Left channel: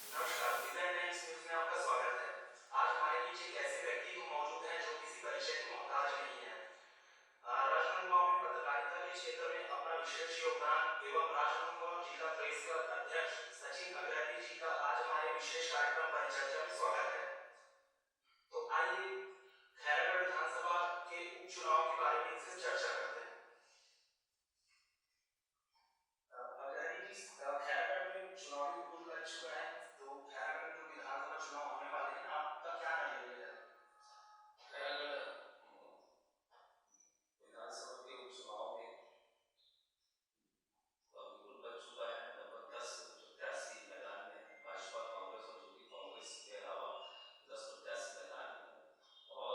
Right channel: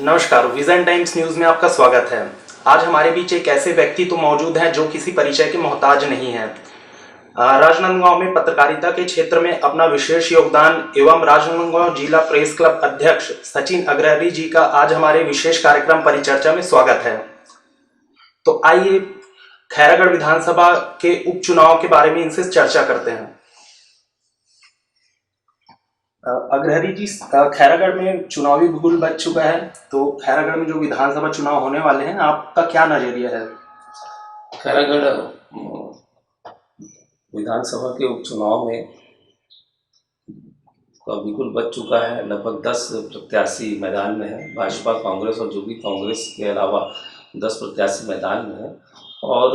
नमस्कार, vision times news में आपका स्वागत है। आज हमारे बीच एक ऐसे व्यक्ति तो मौजूद हैं जो किसी परिचय के मोहताज नहीं हैं। राजनांदगांव में पत्रकारिता के क्षेत्र में अपना विशेष योगदान एवं राजनांदगांव जिला प्रेस क्लब अध्यक्ष सचिन अग्रहरि जी का आज हमारे विशेष कार्यक्रम परिचर्चा में स्वागत है। तो आइए खैरागढ़ विधानसभा के उपचुनाव के बारे में इनसे चर्चा करते हैं। अग्रहरि जी, खैरागढ़ में चुनावी बिगुल बज चुका है, तो खैरागढ़ में जो विधानसभा चुनाव होने वाले हैं, आपका क्या नजरिया है? खैरागढ़ विधानसभा के उपचुनाव में का बिल्कुल बच चुका है। लगभग 10 प्रत्याशी मैदान में हैं। भाजपा, कांग्रेस और जो भी कांग्रेस के अलावा 10 प्रत्याशी मैदान में हैं और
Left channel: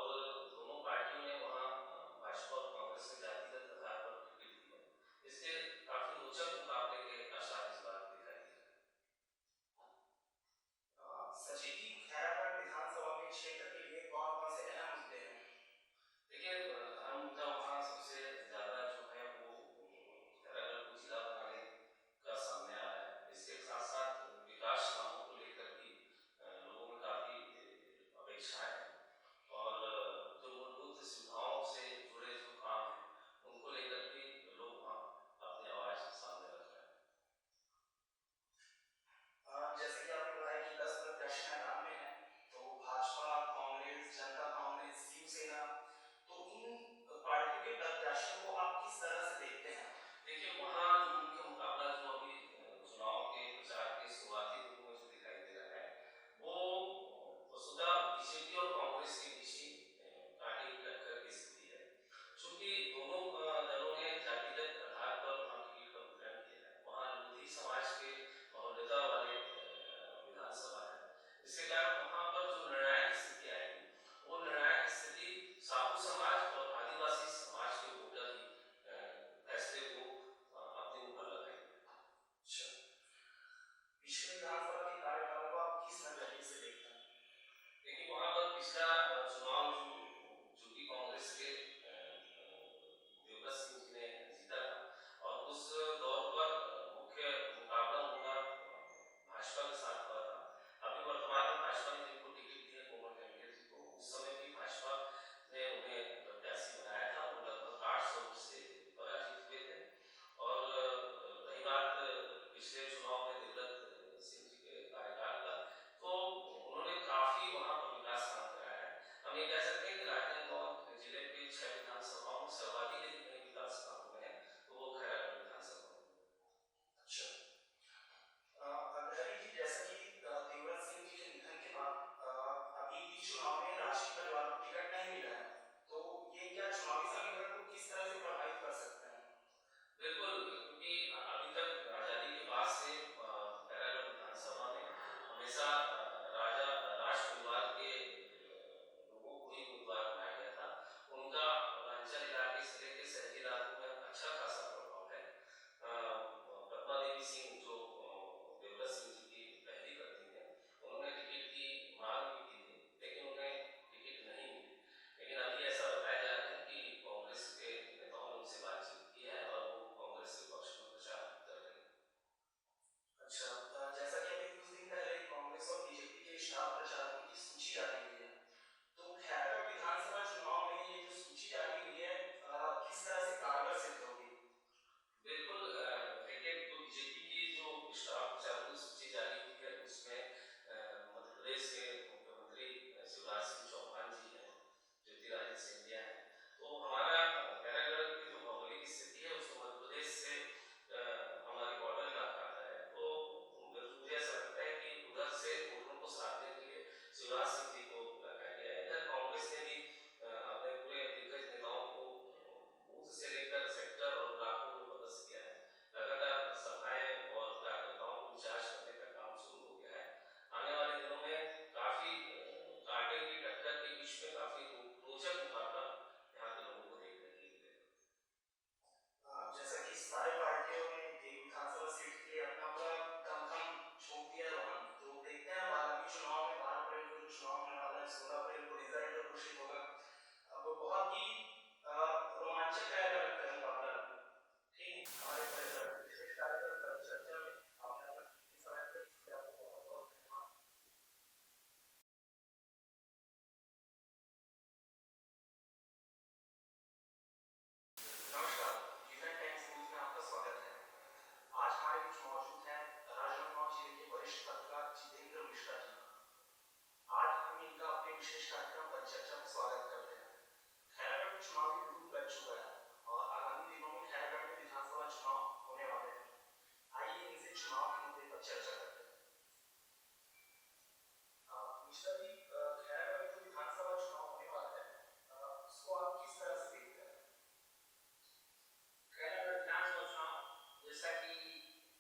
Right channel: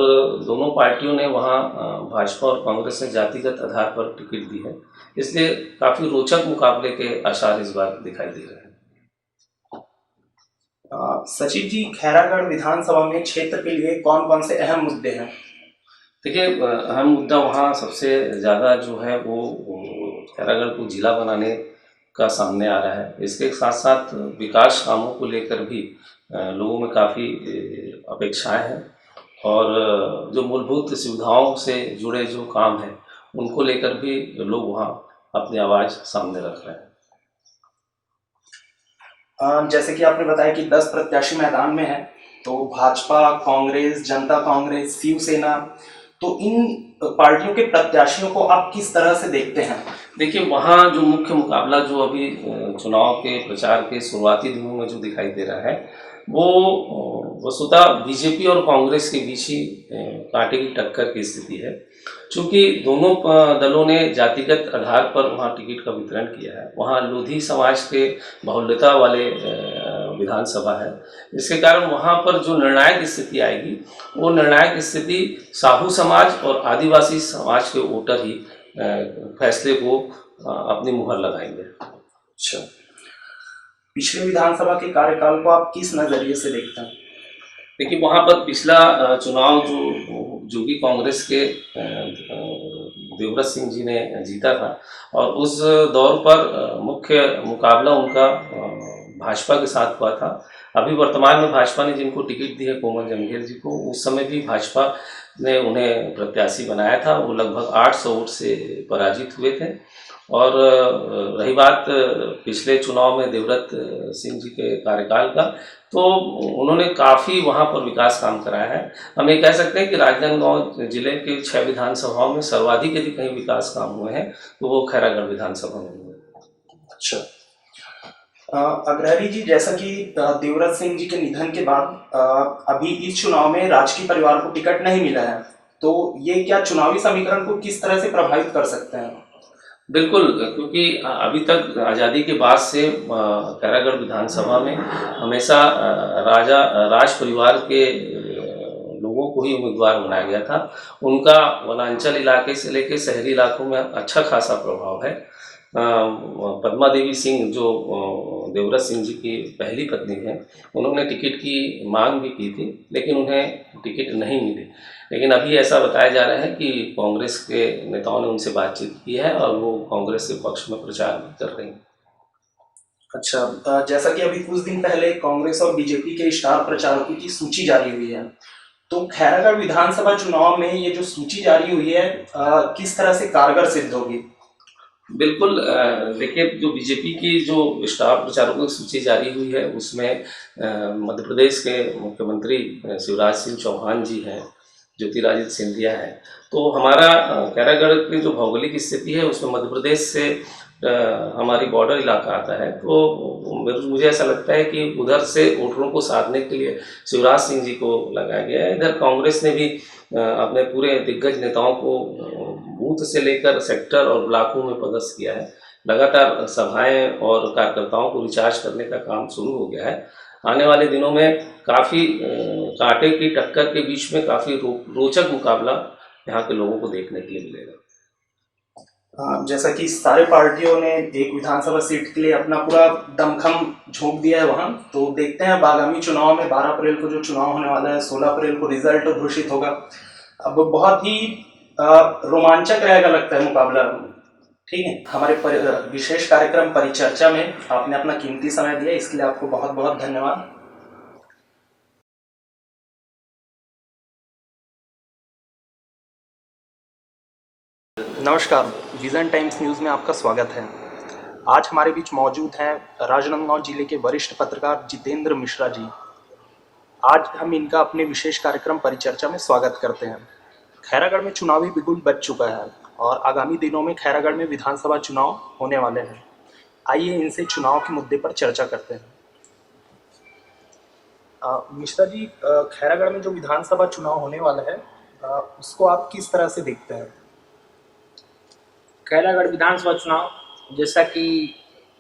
दोनों पार्टियों ने वहाँ भाजपा और कांग्रेस ने जातिगत आधार पर टिकट दी है, इसलिए काफ़ी रोचक मुकाबले के आसार इस बार दिखाई दे रहे हैं। सचिव जी, खैरागढ़ विधानसभा में क्षेत्र के लिए कौन कौन से अहम मुद्दे हैं? देखिए, अहम मुद्दा वहाँ सबसे ज़्यादा जो है वो खैरागढ़ को जिला बनाने का सामने आ रहा है। इसके साथ साथ विकास कामों को लेकर भी लोगों में काफ़ी अपेक्षाएं हैं और जो मूलभूत सुविधाओं से जुड़े जो काम हैं उनको लेकर भी लोग वहाँ अपनी आवाज़ सामने रख रहे हैं। जैसे कि आपने बताया कि 10 प्रत्याशी मैदान में हैं, तो भाजपा, कांग्रेस, जनता कांग्रेस, शिवसेना, तो इन पार्टियों के प्रत्याशियों को आप किस तरह से देखते हैं? देखिए, वहाँ जो मुख्य मुकाबला जो अभी चुनाव के प्रचार के शुरुआती दिनों में जो दिखाई दे रहा है वो वस्तुतः बीजेपी और कांग्रेस के बीच ही कांटे की टक्कर की स्थिति है। चूँकि दोनों दलों ने जातिगत आधार पर वहाँ टिकट का वितरण किया है, वहाँ लोधी समाज के बाहुल्यता वाले विधानसभा है, इसके कारण वहाँ पर जो निर्णायक स्थिति आएगी वो निर्णायक स्थिति साहू समाज और आदिवासी समाज के वोटर ही फैसले को अपनी मुहर लगाएंगे। अच्छा, पिछले विधानसभा के कार्यकाल को आप किस नज़रिए से देखते हैं? देखिए, वहाँ पर पिछला चुनाव जो भी कांग्रेस के देवव्रत सिंह जी ने जीता था और उस दौर पर मुख्य मुकाबला उनका भाजपा के साथ हुआ था। अभी वर्तमान में भाजपा ने जिनको टिकट दी है, कोमल जमघेल जी को, उस समय भी भाजपा ने उन्हें प्रत्याशी बनाया था। वो लगभग 800 वोट से पराजित हुए थे। और रही बात पिछले चुनाव में देवव्रत सिंह जी के कार्यकाल का, तो उन्होंने काफ़ी वहाँ पर विकास काम कराया है। हम ये कह सकते हैं कि राजनांदगांव जिले के 6 विधानसभाओं में सर्वाधिक यदि कहीं विकास काम हुए हैं तो वो खैरागढ़ विधानसभा में हुए। अच्छा, अग्रहरि जी, जैसा कि देवव्रत सिंह जी के निधन के बाद अभी इस चुनाव में राजकीय परिवार को टिकट नहीं मिला है, तो ये क्या चुनावी समीकरण को किस तरह से प्रभावित कर सकते हैं? बिल्कुल, क्योंकि अभी तक आज़ादी के बाद से खैरागढ़ विधानसभा में हमेशा राज परिवार के लोगों को ही उम्मीदवार बनाया गया था। उनका वनांचल इलाके से लेकर शहरी इलाकों में अच्छा खासा प्रभाव है। पद्मा देवी सिंह जो देवव्रत सिंह जी की पहली पत्नी हैं, उन्होंने टिकट की मांग भी की थी, लेकिन उन्हें टिकट नहीं मिली। लेकिन अभी ऐसा बताया जा रहा है कि कांग्रेस के नेताओं ने उनसे बातचीत की है और वो कांग्रेस के पक्ष में प्रचार भी कर रही हैं। अच्छा, जैसा कि अभी कुछ दिन पहले कांग्रेस और बीजेपी के स्टार प्रचारकों की सूची जारी हुई है, तो खैरागढ़ विधानसभा चुनाव में ये जो सूची जारी हुई है, किस तरह से कारगर सिद्ध होगी? बिल्कुल, देखिए, जो बीजेपी की जो स्टार प्रचारकों की सूची जारी हुई है उसमें मध्य प्रदेश के मुख्यमंत्री शिवराज सिंह चौहान जी हैं, ज्योतिरादित्य सिंधिया है। तो हमारा खैरागढ़ की जो भौगोलिक स्थिति है उसमें मध्य प्रदेश से हमारी बॉर्डर इलाका आता है, तो मुझे ऐसा लगता है कि उधर से वोटरों को साधने के लिए शिवराज सिंह जी को लगाया गया है। इधर कांग्रेस ने भी अपने पूरे दिग्गज नेताओं को बूथ से लेकर सेक्टर और ब्लॉकों में पदस्थ किया है। लगातार सभाएं और कार्यकर्ताओं को रिचार्ज करने का काम शुरू हो गया है। आने वाले दिनों में काफ़ी कांटे की टक्कर के बीच में काफ़ी रोचक मुकाबला यहाँ के लोगों को देखने के लिए मिलेगा। जैसा कि सारे पार्टियों ने एक विधानसभा सीट के लिए अपना पूरा दमखम झोंक दिया है वहाँ, तो देखते हैं अब आगामी चुनाव में 12 अप्रैल को जो चुनाव होने वाला है, 16 अप्रैल को रिजल्ट घोषित होगा। अब बहुत ही रोमांचक रहेगा लगता है मुकाबला। ठीक है, हमारे विशेष कार्यक्रम परिचर्चा में आपने अपना कीमती समय दिया, इसके लिए आपको बहुत बहुत धन्यवाद। नमस्कार, विजन टाइम्स न्यूज़ में आपका स्वागत है। आज हमारे बीच मौजूद हैं राजनांदगांव जिले के वरिष्ठ पत्रकार जितेंद्र मिश्रा जी। आज हम इनका अपने विशेष कार्यक्रम परिचर्चा में स्वागत करते हैं। खैरागढ़ में चुनावी बिगुल बज चुका है और आगामी दिनों में खैरागढ़ में विधानसभा चुनाव होने वाले हैं। आइए इनसे चुनाव के मुद्दे पर चर्चा करते हैं। मिश्रा जी, खैरागढ़ में जो विधानसभा चुनाव होने वाला है उसको आप किस तरह से देखते हैं? खैरागढ़ विधानसभा चुनाव जैसा कि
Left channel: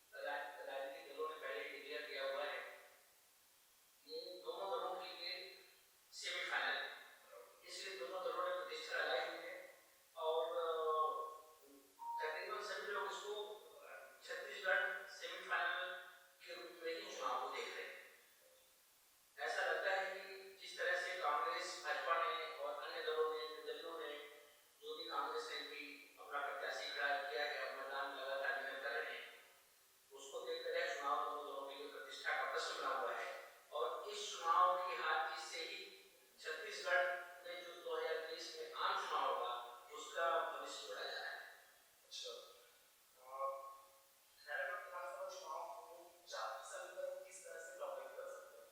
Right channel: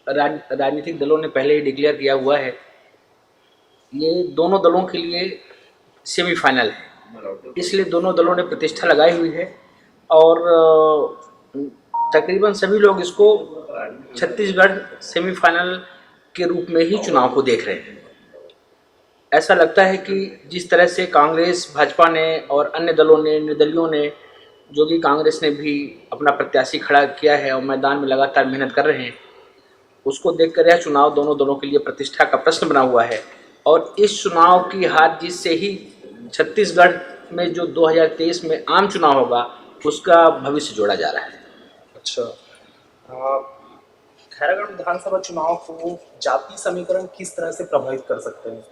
राजनीतिक दलों ने पहले ही डिक्लेयर किया हुआ है, ये दोनों दलों के लिए सेमीफाइनल है, इसलिए दोनों दलों ने प्रतिष्ठा लगाई हुई है और तकरीबन सभी लोग इसको छत्तीसगढ़ सेमीफाइनल के रूप में ही चुनाव को देख रहे हैं। ऐसा लगता है कि जिस तरह से कांग्रेस, भाजपा ने और अन्य दलों ने, निर्दलियों ने, जो कि कांग्रेस ने भी अपना प्रत्याशी खड़ा किया है और मैदान में लगातार मेहनत कर रहे हैं, उसको देखकर यह चुनाव दोनों दलों के लिए प्रतिष्ठा का प्रश्न बना हुआ है। और इस चुनाव की हार जीत से ही छत्तीसगढ़ में जो 2023 में आम चुनाव होगा उसका भविष्य जोड़ा जा रहा है। अच्छा, खैरागढ़ विधानसभा चुनाव को जाति समीकरण किस तरह से प्रभावित कर सकते हैं?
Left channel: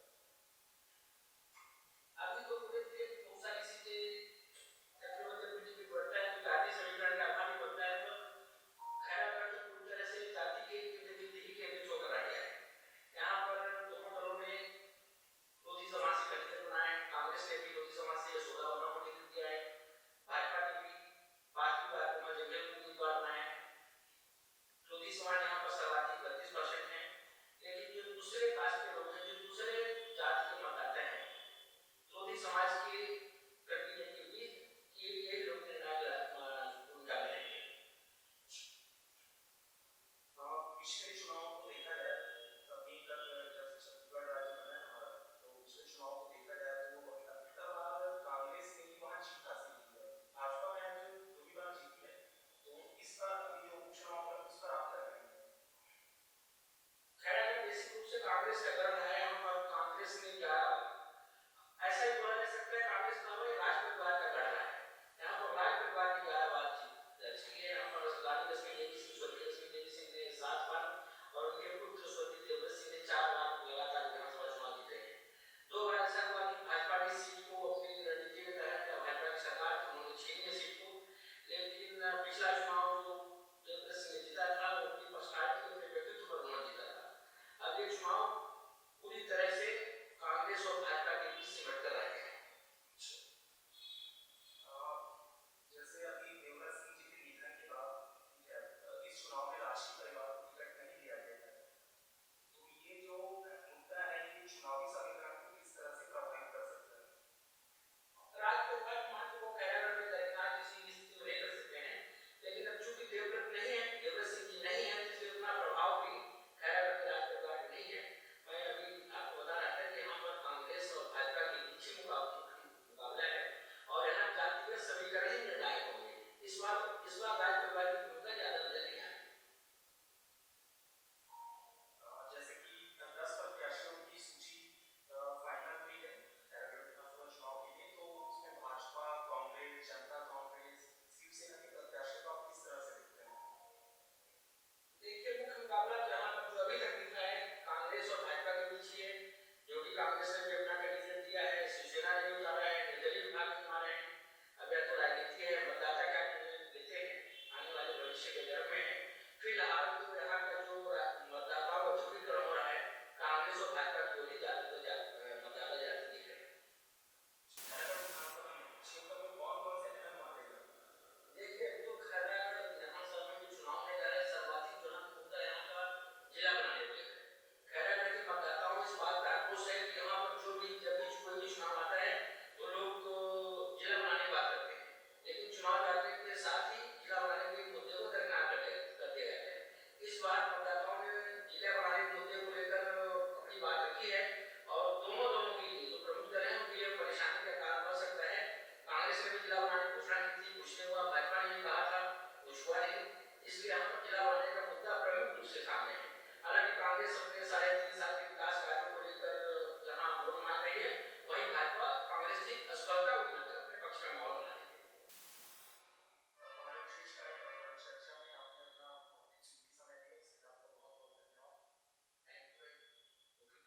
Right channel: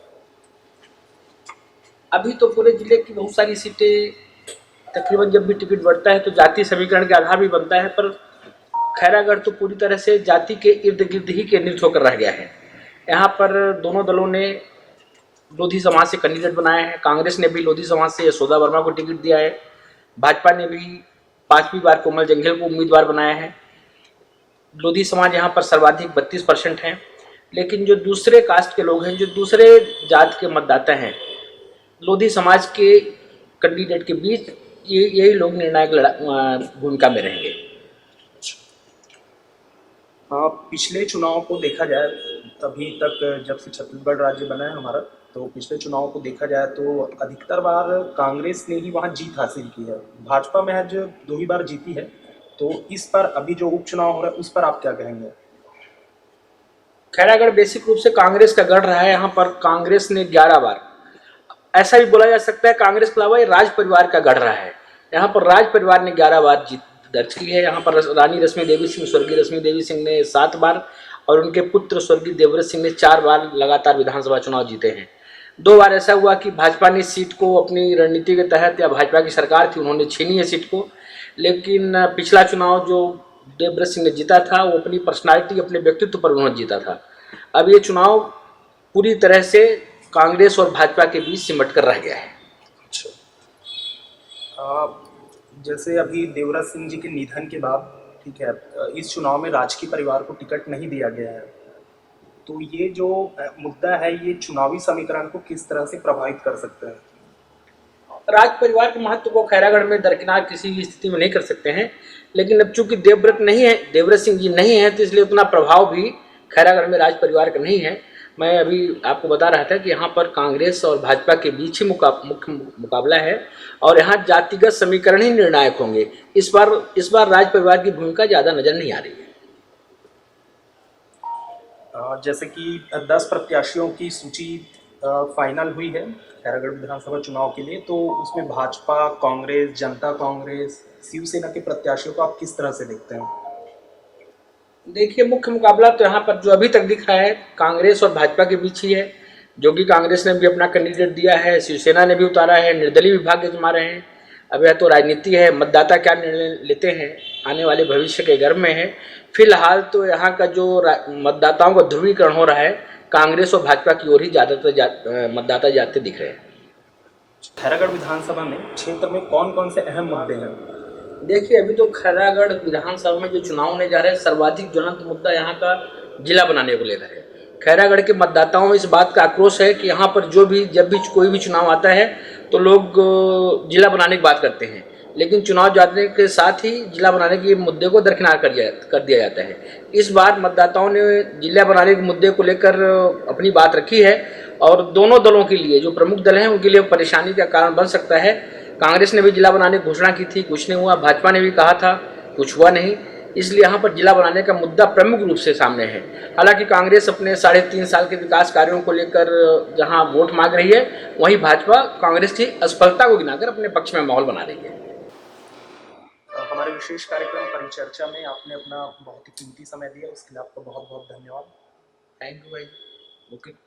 अभी तो पूरे जिले की बहुत सारी सीटें तकरीबन जब भी टिकट बढ़ता है तो जाति समीकरण के आधार भी बनता है, पर खैरागढ़ तो पूरी तरह से जाति के इर्द गिर्द ही केंद्रित होकर रह गया है। यहाँ पर दोनों दलों ने लोधी समाज से कैंडिडेट बनाए हैं। कांग्रेस ने भी लोधी समाज से यशोदा वर्मा को टिकट दिया है। भाजपा ने भी 5वीं बार कोमल जंघेल को उम्मीदवार बनाया है। लोधी समाज यहाँ पर सर्वाधिक 32% हैं, लेकिन जो दूसरे कास्ट के लोग हैं, जो दूसरे जात के मतदाता हैं, लोधी समाज के कैंडिडेट के बीच यही लोग निर्णायक भूमिका में रहेंगे। पिछले चुनाव को देखा जाए, तभी तक जब से छत्तीसगढ़ राज्य बना है हमारा, तो पिछले चुनाव को देखा जाए तो अधिकतर बार कांग्रेस ने ही वहाँ जीत हासिल की है। भाजपा महज 2 ही बार जीती है। तो इस पर अभी जो उपचुनाव हो रहा है उस पर आप क्या कहेंगे? खैरागढ़ बेसिक रूप से कांग्रेस का गढ़ रहा है। यहाँ पर कांग्रेस ने 11 बार, ऐसा भी बोला जा सकता है कांग्रेस के अलावा ये राज परिवार का गढ़ रहा है। यहाँ पर राज परिवार ने 11 बार जीत दर्ज की है। यहाँ पर रानी रश्मि देवी सिंह, स्वर्गीय रश्मि देवी सिंह ने 7 बार और उनके पुत्र स्वर्गीय देवव्रत सिंह ने 4 बार लगातार विधानसभा चुनाव जीते हैं। 2 बार ऐसा हुआ कि भाजपा ने सीट को अपनी रणनीति के तहत, या भाजपा की सरकार थी उन्होंने छीनी है सीट को, लेकिन पिछला चुनाव जो देवव्रत सिंह ने जीता था वो अपनी पर्सनालिटी, अपने व्यक्तित्व पर उन्होंने जीता था। अब ये चुनाव पूरी तरह से कांग्रेस और भाजपा के बीच सिमट कर रह गया है। अच्छा, जैसे अभी देवव्रत सिंह जी के निधन के बाद, ठीक है, इस चुनाव में राजकीय परिवार को टिकट नहीं दिया गया है, तो ये जो मुद्दा है ये चुनावी समीकरण को किस तरह से प्रभावित कर सकता है? राज परिवार के महत्व को खैरागढ़ में दरकिनार किसी भी स्थिति में नहीं कर सकते हैं, लेकिन अब चूंकि देवव्रत सिंह जी नहीं है तो इसलिए उतना प्रभाव भी खैरागढ़ में राज परिवार का नहीं है। मैं अभी आपको बता रहा था कि यहाँ पर कांग्रेस और भाजपा के बीच ही मुख्य मुकाबला है और यहाँ जातिगत समीकरण ही निर्णायक होंगे। इस बार राज परिवार की भूमिका ज़्यादा नजर नहीं आ रही है। जैसे कि 10 प्रत्याशियों की सूची फाइनल हुई है खैरागढ़ विधानसभा चुनाव के लिए, तो उसमें भाजपा, कांग्रेस, जनता कांग्रेस, शिवसेना के प्रत्याशियों को आप किस तरह से देखते हैं? देखिए, मुख्य मुकाबला तो यहाँ पर जो अभी तक दिख रहा है कांग्रेस और भाजपा के बीच ही है, जो कि कांग्रेस ने भी अपना कैंडिडेट दिया है, शिवसेना ने भी उतारा है, निर्दलीय भी भाग्य जमा रहे हैं। अब यह तो राजनीति है, मतदाता क्या निर्णय लेते हैं आने वाले भविष्य के गर्भ में है। फिलहाल तो यहाँ का जो मतदाताओं का ध्रुवीकरण हो रहा है, कांग्रेस और भाजपा की ओर ही ज़्यादातर मतदाता जाते दिख रहे हैं। खैरागढ़ विधानसभा में क्षेत्र में कौन कौन से अहम मुद्दे हैं? देखिए, अभी तो खैरागढ़ विधानसभा में जो चुनाव होने जा रहे हैं, सर्वाधिक ज्वलंत मुद्दा यहाँ का जिला बनाने को लेकर है। खैरागढ़ के मतदाताओं में इस बात का आक्रोश है कि यहाँ पर जब भी कोई भी चुनाव आता है तो लोग जिला बनाने की बात करते हैं, लेकिन चुनाव जाने के साथ ही जिला बनाने के मुद्दे को दरकिनार कर दिया जाता है। इस बार मतदाताओं ने जिला बनाने के मुद्दे को लेकर अपनी बात रखी है और दोनों दलों के लिए, जो प्रमुख दल हैं उनके लिए परेशानी का कारण बन सकता है। कांग्रेस ने भी जिला बनाने की घोषणा की थी, कुछ नहीं हुआ। भाजपा ने भी कहा था, कुछ हुआ नहीं। इसलिए यहाँ पर जिला बनाने का मुद्दा प्रमुख रूप से सामने है। हालांकि कांग्रेस अपने 3.5 साल के विकास कार्यों को लेकर जहाँ वोट मांग रही है, वहीं भाजपा कांग्रेस की असफलता को गिनाकर अपने पक्ष में माहौल बना रही है। हमारे विशेष कार्यक्रम परिचर्चा में आपने अपना बहुत ही कीमती समय दिया, उसके लिए आपका बहुत बहुत धन्यवाद। थैंक यू भाई। ओके।